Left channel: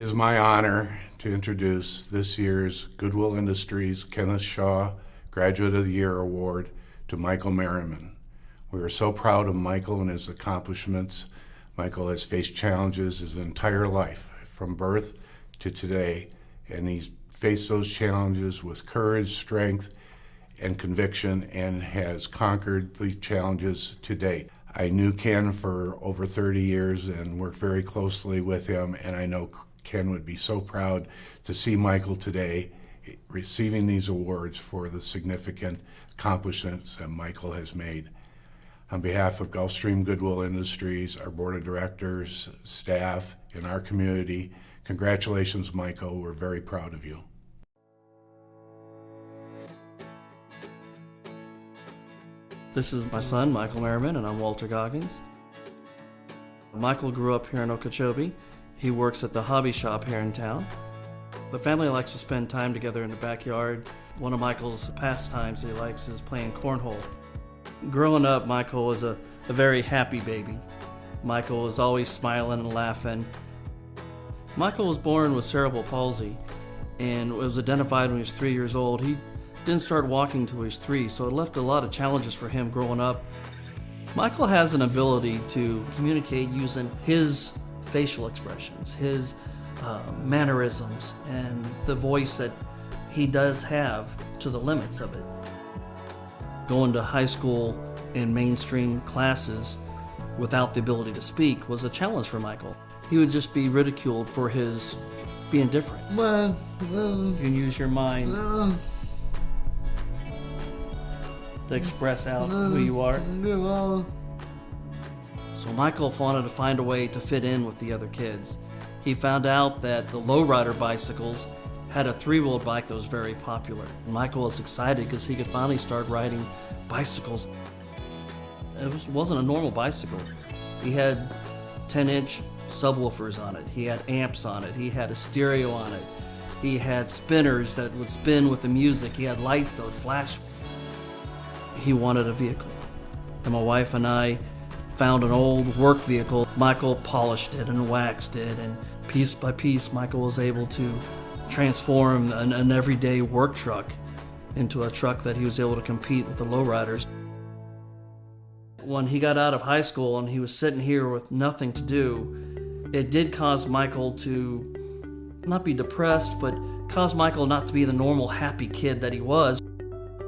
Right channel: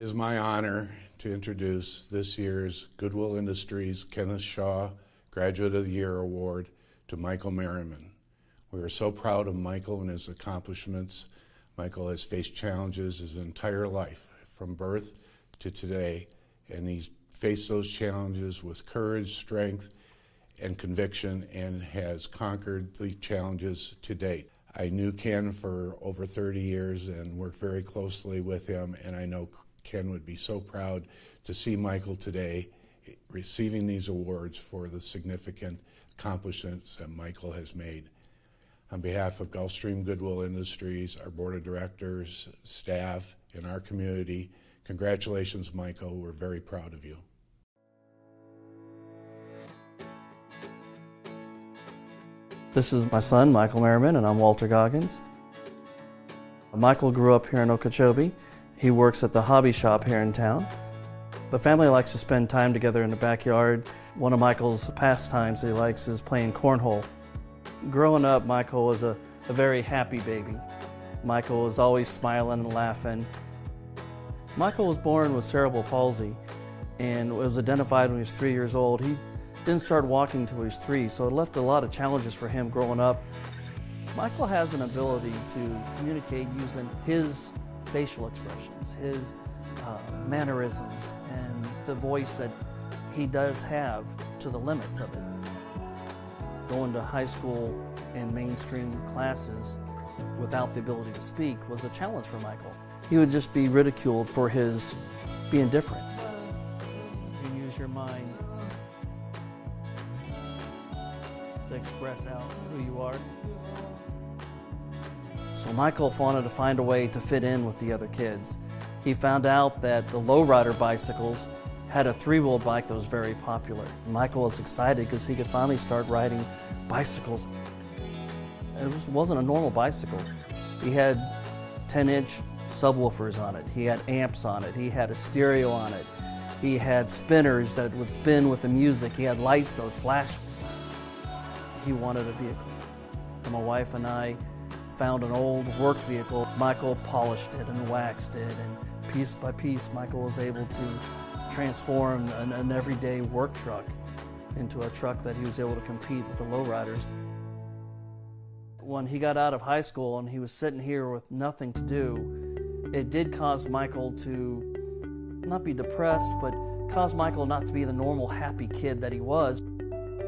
It is my honor to introduce this year's Goodwill Industries Kenneth Shaw Graduate of the Year Award to Michael Merriman. We are so proud of Michael and his accomplishments. Michael has faced challenges his entire life, from birth to today, and he's faced those challenges with courage, strength, and conviction, and has conquered the challenges to date. I knew Ken for over 30 years and worked very closely with him, and I know Ken would be so proud to see Michael today receiving these awards for the significant accomplishments that Michael has made. On behalf of Gulfstream Goodwill Industries, our board of directors, staff, and our community, congratulations, Michael. We're very proud of you. This is my son, Michael Merriman, and I'm Walter Goggins. Michael grew up here in Okeechobee. He works at the hobby shop here in town. The family likes to spend time together in the backyard. One of Michael's pastimes he likes is playing cornhole. Growing up, Michael was a very happy baby. Michael was always smiling and laughing. Michael was born with cerebral palsy and was identified when he was 3 years old. He didn't start walking until he was 3, so it left a lot of challenges for him growing up. Michael has an ability to communicate using his facial expressions, his mannerisms, and the voice that he does have to the limits of it. Going to high school and mainstream classes without the ability to speak was a challenge for Michael. He would just be ridiculed for his being different. You can use your mind to express out who you are. So Michael wanted to find a way to fit in with the other kids. He found out that the lowrider bicycles had a three-wheeled bike that was very popular. Michael was excited because he could finally start riding bicycles. It wasn't a normal bicycle. He had 10-inch subwoofers on it. He had amps on it. He had a stereo on it. He had spinners that would spin with the music. He had lights that would flash. He wanted a vehicle. And my wife and I found an old work vehicle. Michael polished it and waxed it, and piece by piece, Michael was able to transform an everyday work truck into a truck that he was able to compete with the lowriders. When he got out of high school and he was sitting here with nothing to do, it did cause Michael to not be depressed, but caused Michael not to be the normal happy kid that he was.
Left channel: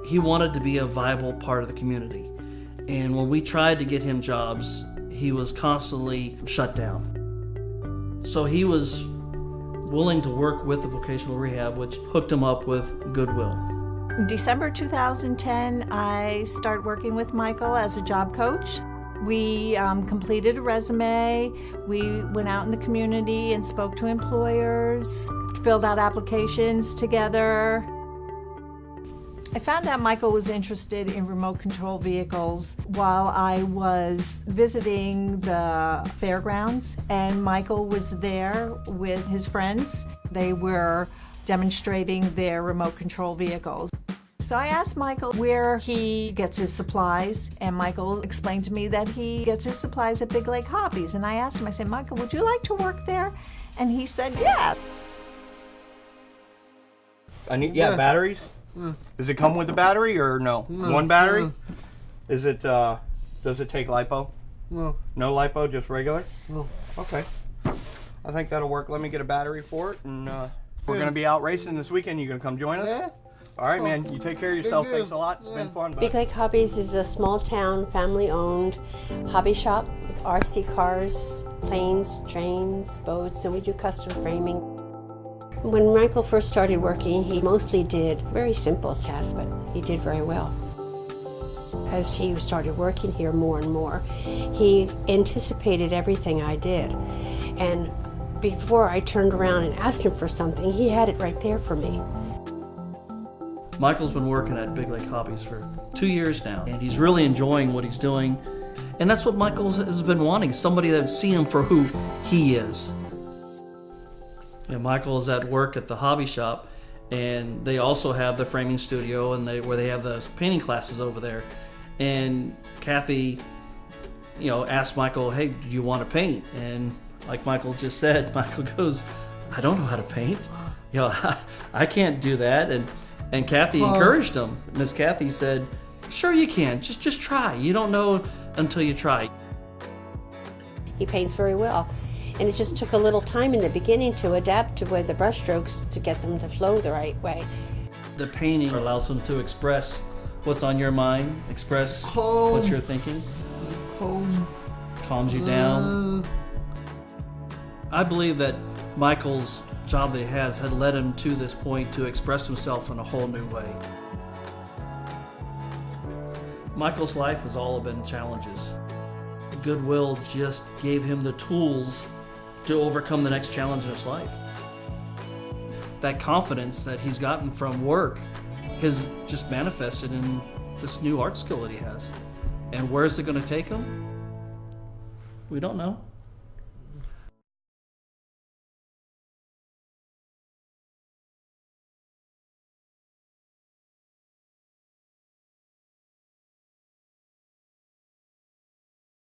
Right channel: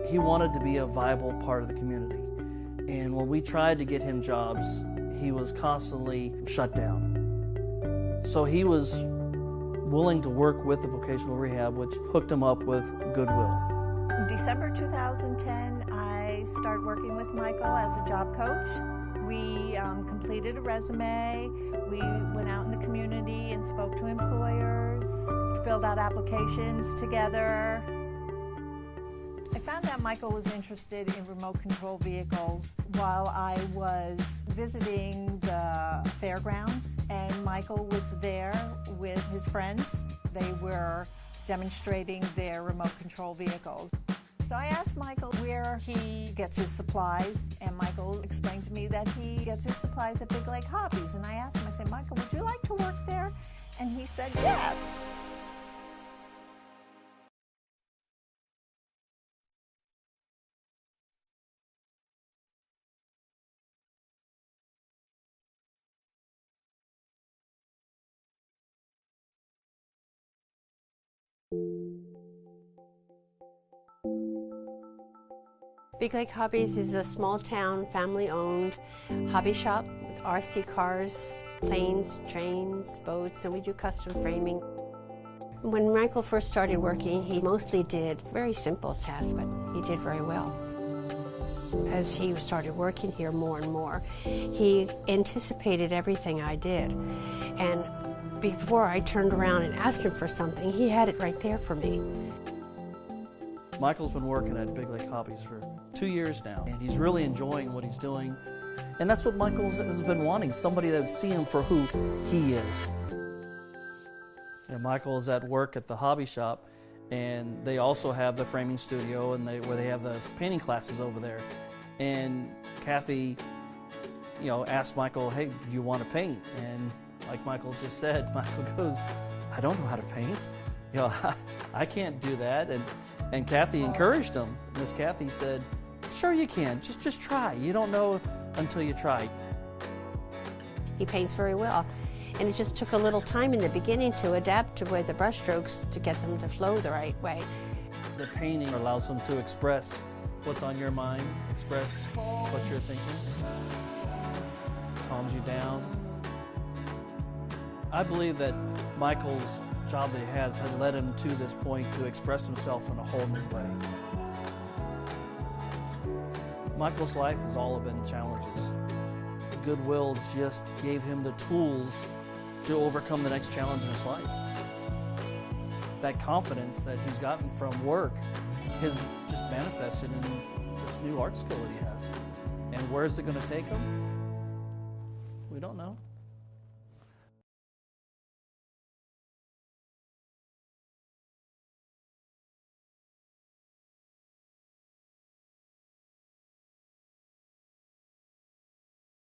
He wanted to be a viable part of the community. And when we tried to get him jobs, he was constantly shut down. So he was willing to work with the vocational rehab, which hooked him up with Goodwill. In December 2010, I started working with Michael as a job coach. We completed a resume. We went out in the community and spoke to employers, filled out applications together. I found out Michael was interested in remote control vehicles while I was visiting the fairgrounds, and Michael was there with his friends. They were demonstrating their remote control vehicles. So I asked Michael where he gets his supplies, and Michael explained to me that he gets his supplies at Big Lake Hobbies. And I asked him, I said, Michael, would you like to work there? And he said, yeah. Batteries? Does it come with a battery or no? One battery? Is it, does it take LiPo? No. No LiPo, just regular? No. Okay. I think that'll work. Let me get a battery for it, and we're going to be out racing this weekend. You going to come join us? Yeah. All right, man. You take care of yourself. Thanks a lot. It's been fun. Big Lake Hobbies is a small-town, family-owned hobby shop with RC cars, planes, trains, boats, and we do custom framing. When Michael first started working, he mostly did very simple tasks, but he did very well. As he started working here more and more, he anticipated everything I did. And before I turned around and asked him for something, he had it right there for me. Michael's been working at Big Lake Hobbies for 2 years now, and he's really enjoying what he's doing. And that's what Michael has been wanting, somebody that would see him for who he is. And Michael is at work at the hobby shop, and they also have the framing studio and where they have the painting classes over there. And Kathy, asked Michael, hey, do you want to paint? And like Michael just said, Michael goes, I don't know how to paint. You know, I can't do that. And Kathy encouraged him. Miss Kathy said, sure you can, just try. You don't know until you try. He paints very well. And it just took a little time in the beginning to adapt to where the brush strokes to get them to flow the right way. The painting allows him to express what's on your mind, express what you're thinking. Calms you down. I believe that Michael's job that he has had led him to this point to express himself in a whole new way. Michael's life has all been challenges. Goodwill just gave him the tools to overcome the next challenge in his life. That confidence that he's gotten from work has just manifested in this new art school that he has. And where is it going to take him? We don't know.